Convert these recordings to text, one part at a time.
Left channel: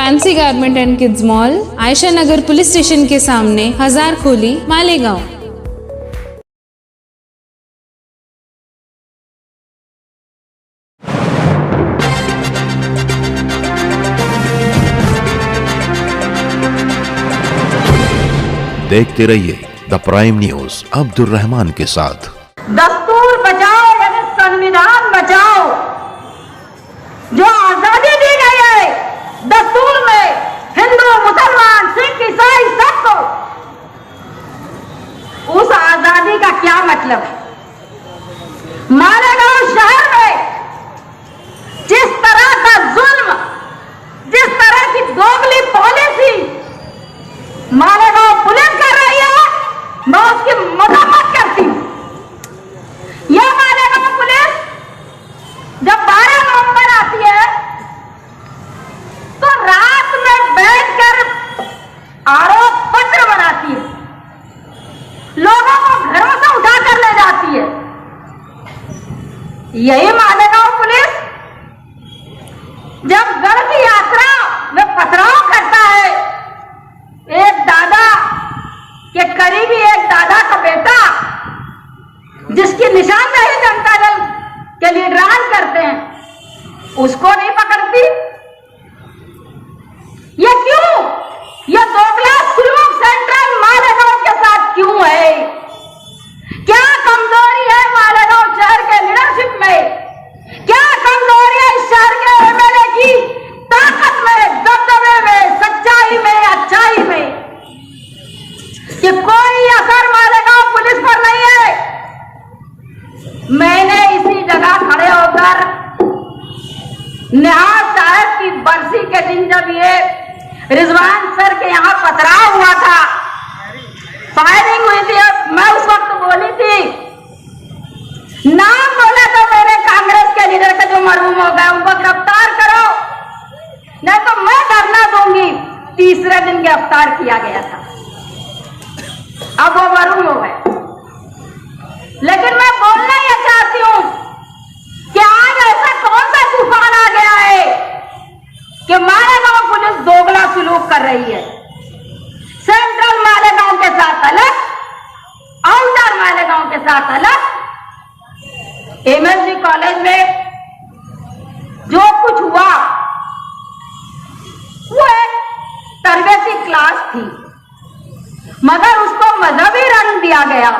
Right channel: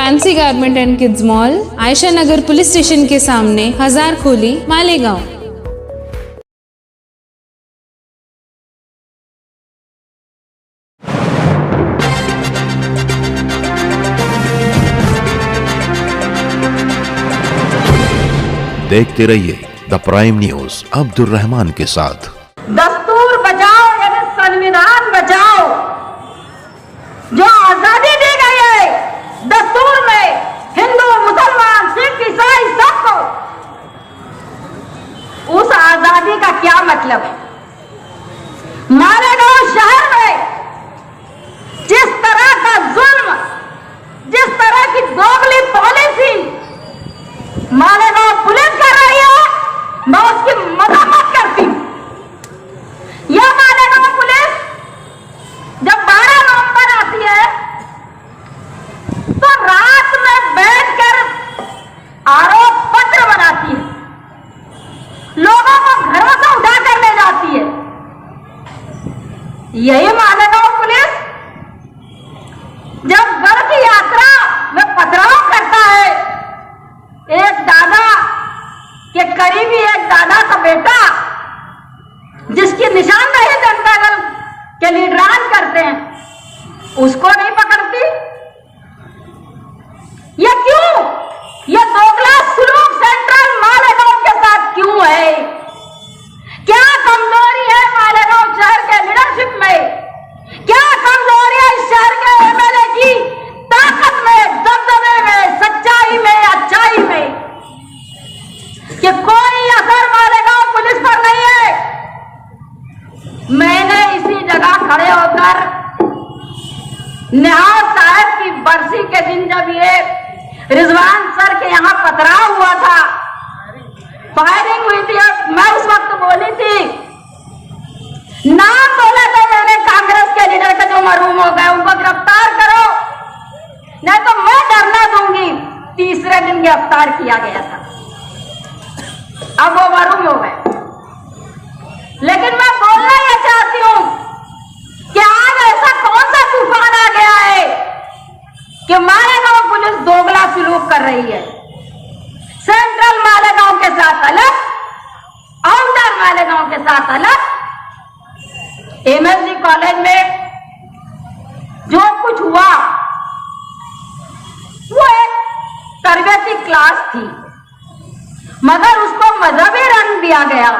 Fancy garment and kids mall, Ayesha Nagar police station के सामने, हजारखोली, मालेगांव। देखते रहिए the prime news Abdul Rahman के साथ। दस्तूर बचाओ यानी संविधान बचाओ। जो आजादी दी गई है दस्तूर में, हिंदू मुसलमान सिख ईसाई सबको, उस आजादी का क्या मतलब है? मालेगांव शहर में जिस तरह का जुल्म, जिस तरह की दोगली पॉलिसी मालेगांव पुलिस कर रही है, मैं उसकी मजम्मत करती हूं। यह मालेगांव पुलिस जब 12 नवंबर आती है तो रात में बैठकर आरोप पत्र बनाती है, लोगों को घरों से उठाकर ले जाती है। यही मालेगांव पुलिस जब गढ़ की यात्रा में पथराव करता है, एक दादा के करीबी एक दादा का बेटा जिसकी निशानदेही जनता दल के लीडरान करते हैं, उसको नहीं पकड़ती। ये क्यों? ये दोगला सुलूक सेंट्रल मालेगांव के साथ क्यों है? क्या कमजोरी है मालेगांव शहर के लीडरशिप में? क्या कमजोरी है इस शहर के एमएलए की ताकत में, दबदबे में, सच्चाई में, अच्छाई में, कि कोई असर मालेगांव पुलिस पर नहीं है? मैंने इसी जगह खड़े होकर निहाल साहब की बरसी के दिन जब ये रिजवान सर के यहाँ पथराव हुआ था, फायरिंग हुई थी, मैं उस वक्त बोली थी, नाम बोला था मैंने कांग्रेस के लीडर का जो मरहूम हो गए उनको गिरफ्तार करो, नहीं तो मैं धरना दूंगी। तीसरे दिन गिरफ्तार किया गया था, अब वो मरहूम हो गए। लेकिन मैं बोलना यह चाहती हूं कि आज ऐसा कौन सा तूफान आ गया है कि मालेगांव पुलिस दोगला सलूक कर रही है। सेंट्रल मालेगांव के साथ अलग, आउटर मालेगांव के साथ अलग। एमएसजी कॉलेज में जो कुछ हुआ वो एक तरबियती क्लास थी, मगर उसको मजहबी रंग दिया गया।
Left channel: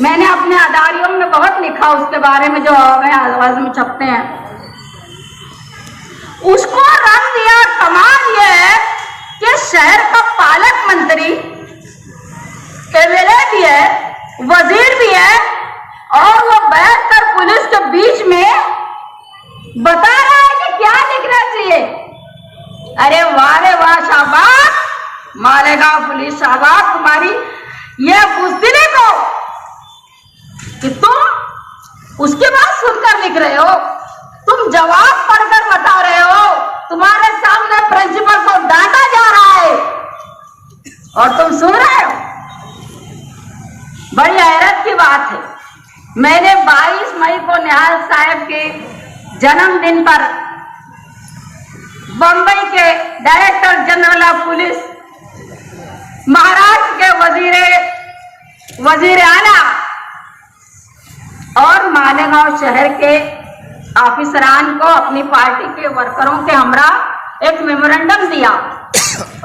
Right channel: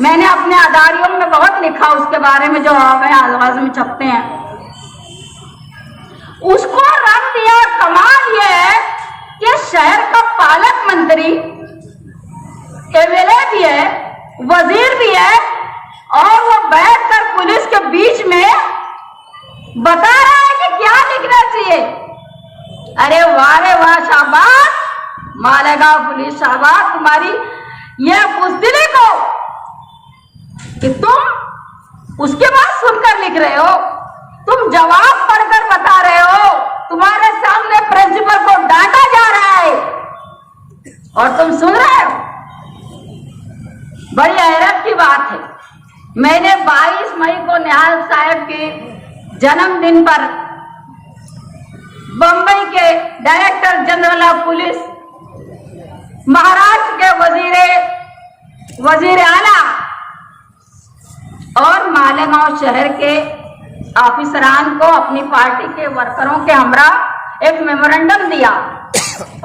मैंने अपने अदारियों में बहुत लिखा उसके बारे में, जो आवाज में छपते हैं, उसको रंग दिया। कमाल यह है कि शहर का पालक मंत्री, एमएलए भी है, वजीर भी है, और वो बैठकर पुलिस के बीच में बता रहा है कि क्या लिखना चाहिए। अरे वाह रे वाह, शाबाश मालेगांव पुलिस, शाबाश तुम्हारी यह बुज़दिली को कि तुम उसके बाद सुनकर लिख रहे हो, तुम जवाब पढ़कर बता रहे हो, तुम्हारे सामने प्रिंसिपल को डांटा जा रहा है और तुम सुन रहे हो। बड़ी हैरत की बात है। मैंने 22 मई को निहाल साहब के जन्मदिन पर बंबई के director general of police, Maharashtra के वजीर आला और मालेगांव शहर के ऑफिसरान को, अपनी पार्टी के वर्करों के हमरा एक मेमोरेंडम दिया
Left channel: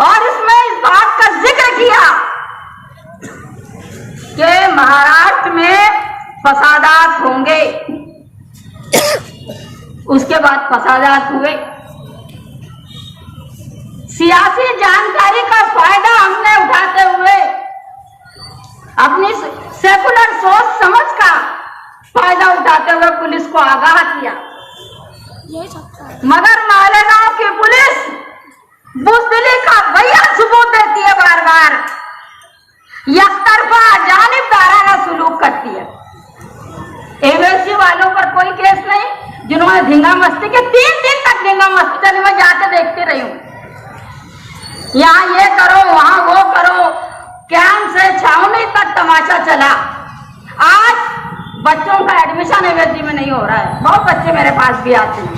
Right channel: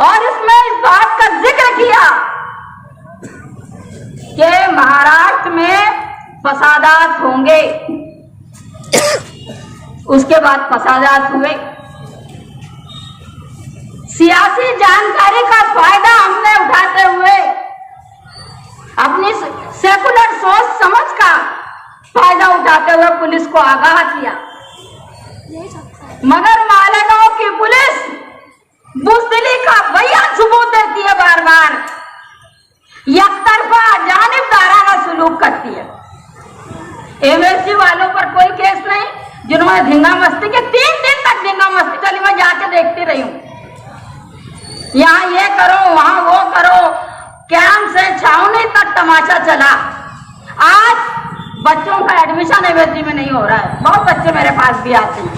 और इसमें इस बात का जिक्र किया कि महाराष्ट्र में फसादात होंगे। उसके बाद फसादात हुए। सियासी जानकारी का फायदा हमने उठाते हुए अपनी सेकुलर सोच समझ का फायदा उठाते हुए पुलिस को आगाह किया, मगर मालेगांव की पुलिस बुज़दिली का भैया सबूत देती है, बार बार एकतरफा जानिबदाराना सलूक करती है। एमएसजी वालों पर कोई केस नहीं, जिन्होंने धींगा मस्ती के 3 दिन तक धींगा मस्ती चली, मैं जाके देखती रही हूं। यहाँ ये करो, वहां वो करो, कैंप से छावनी तक तमाशा चला। आज बच्चों का एडमिशन एमएसजी में नहीं हो रहा है। बहुत बच्चे मेरे पास भी आते हैं,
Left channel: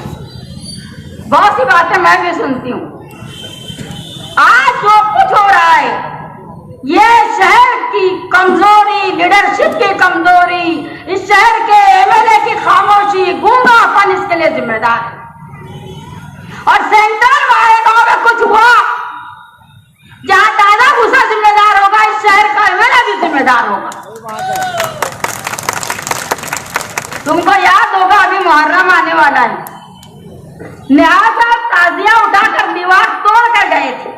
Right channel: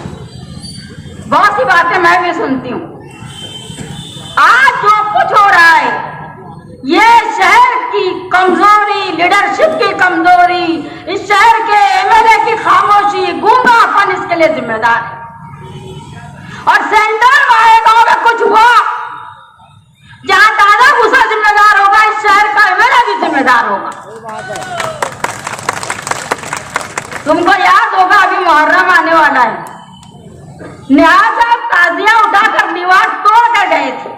बहुत सी बातें मैं भी सुनती हूँ। जो कुछ हो रहा है ये शहर की कमजोरी, लीडरशिप की कमजोरी, इस शहर के एमएलए की खामोशी, गूंगापन इसके लिए जिम्मेदार है। और सेंट्रल मालेगांव में कुछ हुआ जहां दादा भूसा जिम्मेदार होगा, इस शहर का एमएलए भी जिम्मेदार होगा। तुमको याद होगा अभी मुहर्रम आने वाला है, न्याज साहब ताजिया उठाकर दीवार तोड़ कर गए थे,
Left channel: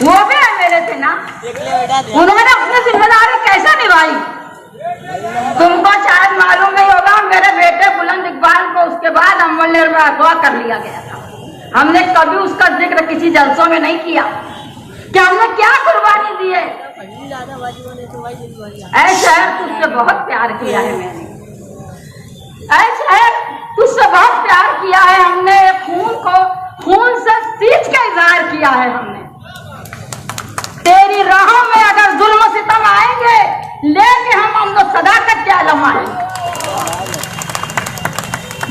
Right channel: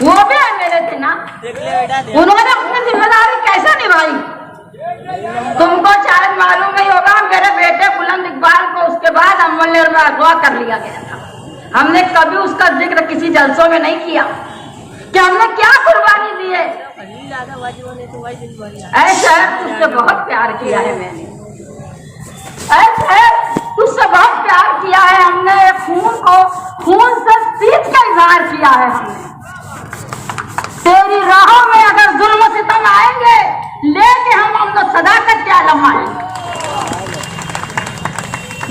वो भी एमएलए थे ना, उन्होंने अपनी जिम्मेदारी कैसे निभाई? तुमको शायद मालूम नहीं होगा, मेरे बेटे बुलंद इकबाल को उसके बाद अमल में अगवा कर लिया गया था। हमने कभी उसका जिक्र किसी जलसों में नहीं किया कि हमने क्या कुर्बानी दी है। ऐ शहर तुझसे बहुत प्यार किया है मैंने, ऐ शहर तुझसे बहुत प्यार किया है हमने, खून को खून से सींच का इजहार किया है हमने। तेरी राहों में अगर जुल्म सितम आएंगे लेके हम अमन सदाकत के आलम आएंगे।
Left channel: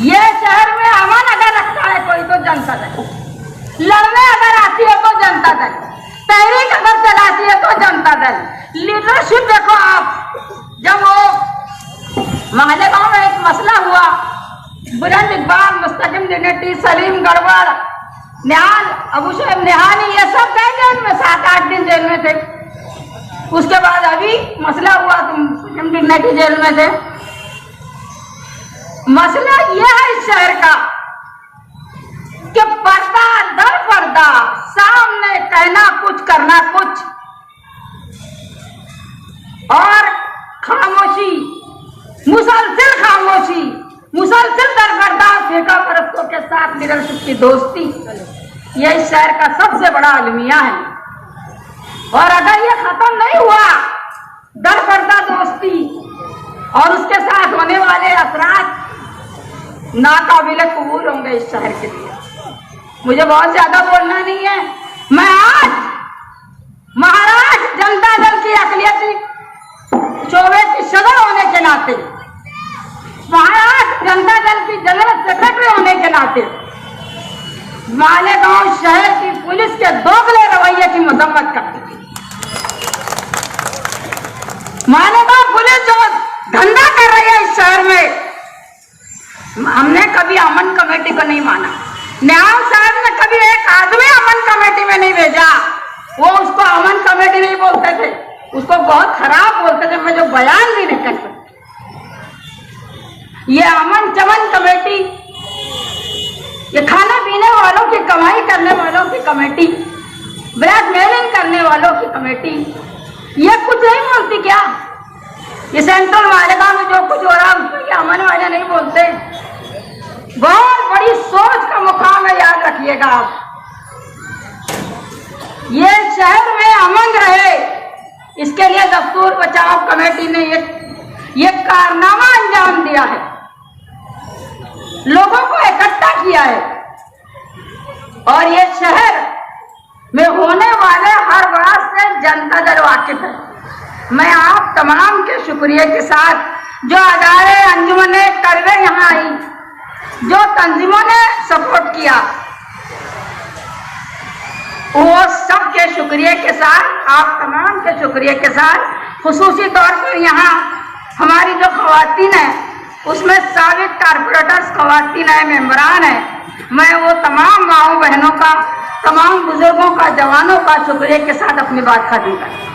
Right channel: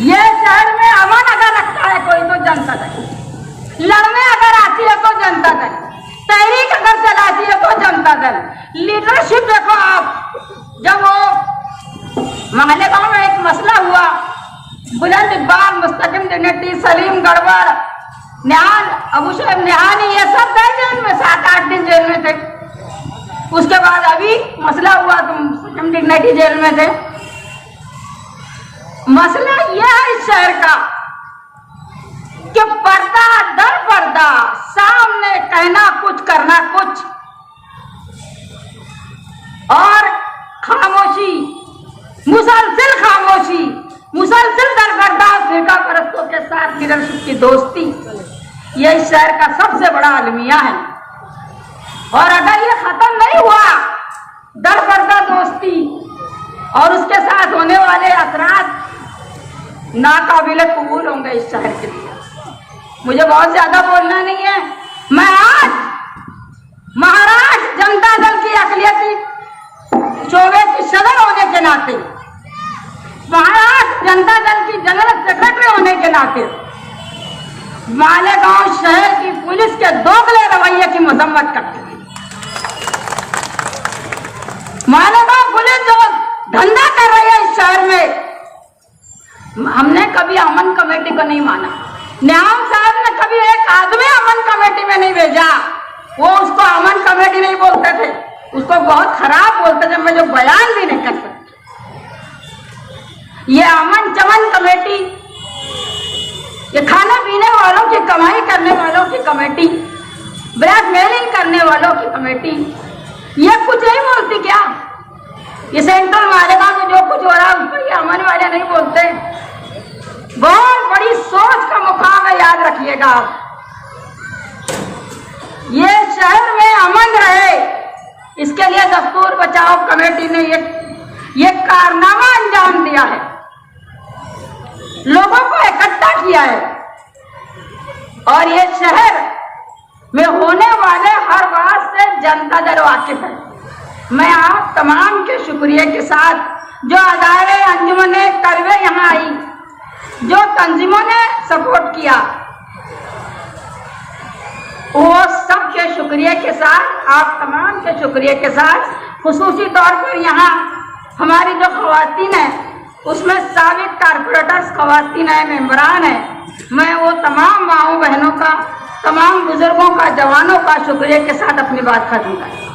ये शहर में अमन अगर रखता है कोई तो जनता दे, लड़ने अगर आती है तो जनता दे, तहरीक अगर चलाती है तो जनता दल। लीडरशिप देखो आप, जब वो मालेगांव में एक मसला हुआ, बुलंद इकबाल, मुस्तकिम डिग्निटी, सलीम गढ़वाल, निहाल, अबू शहब निहानी, ये सब गए जेल में, 7-8 दिन जेल में थे। उसके बाद अभी मसला हुआ तो मुस्तकिम डिग्निटी जेल में थे। मसला यह है इस शहर का कि पर्दा दर पर्दा, सामने कहना कुछ करना कुछ, और खामोशी, मुसलसिल खामोशी, मुसलसिल दरबर्दा बेटा परस्तों के साथ लीडरशिप की दोस्ती, ये इस शहर का सबसे बड़ा अलमिया है। और अगर ये खत्म नहीं हुआ दरबर्दा दोस्ती और उसके साथ होने वाले असरात नाकाबिले कबूल होंगे इस शहर के लिए। मुझे बहुत ज्यादा बोलना नहीं है। मैं आज महाराष्ट्र जनता दल की अकलियती शोबे की सदर होने के नाते, महाराष्ट्र जनता दल की जनरल सेक्रेटरी होने के नाते मालेगांव शहर की पुलिस के दोगले रवैये की मजम्मत करती है। मालेगांव पुलिस जो धंधा कर रही है इस शहर में, हमने कभी अमन कमेटी को नहीं माना। न्याय साहब ने कभी एक आदमी अमन कमेटी में नहीं भेजा। वो उसको अमन कमेटी नहीं बोलते थे, उसको बहुत खराब बोलते थे, मैं जो बयान भी नहीं कर सकती। ये अमन चमन कमेटी, ये खाना पीने वालों की कमाई करने वालों की कमेटी, ब्लैकमेलिंग करने वालों की कमेटी, ये कुछ नहीं बोलती क्या? ये सेंट्रल मालेगांव में जो कुछ हो रहा है उसको ये अमन वाले नहीं बोलते। बहुत बड़ी सोच का मुकाम है, याद रखिएगा आप। ये शहर में अमन रहे, इसके लिए दस्तूर बचाओ कमेटी ने ये कारनामा अंजाम दिया है, लोगों को इकट्ठा किया है। और ये शहर में होने वाले हर बात से जनता दल वाकिफ है। मैं आप तमाम के शुक्रिया के साथ जो अदारे, अंजुमने, करवे यहाँ आई, जो तंजीमों ने सपोर्ट किया, वो सब के शुक्रिया के साथ, आप तमाम के शुक्रिया के साथ, खुसूसी तौर पर यहाँ हमारी जो खवातीन है उसमें साबित कारपोरेटर्स खवातीन है, मेंबरान है, मैं वो तमाम माओ बहनों का, तमाम बुजुर्गों का, जवानों का शुक्रिया के साथ अपनी बात खत्म करती हूं।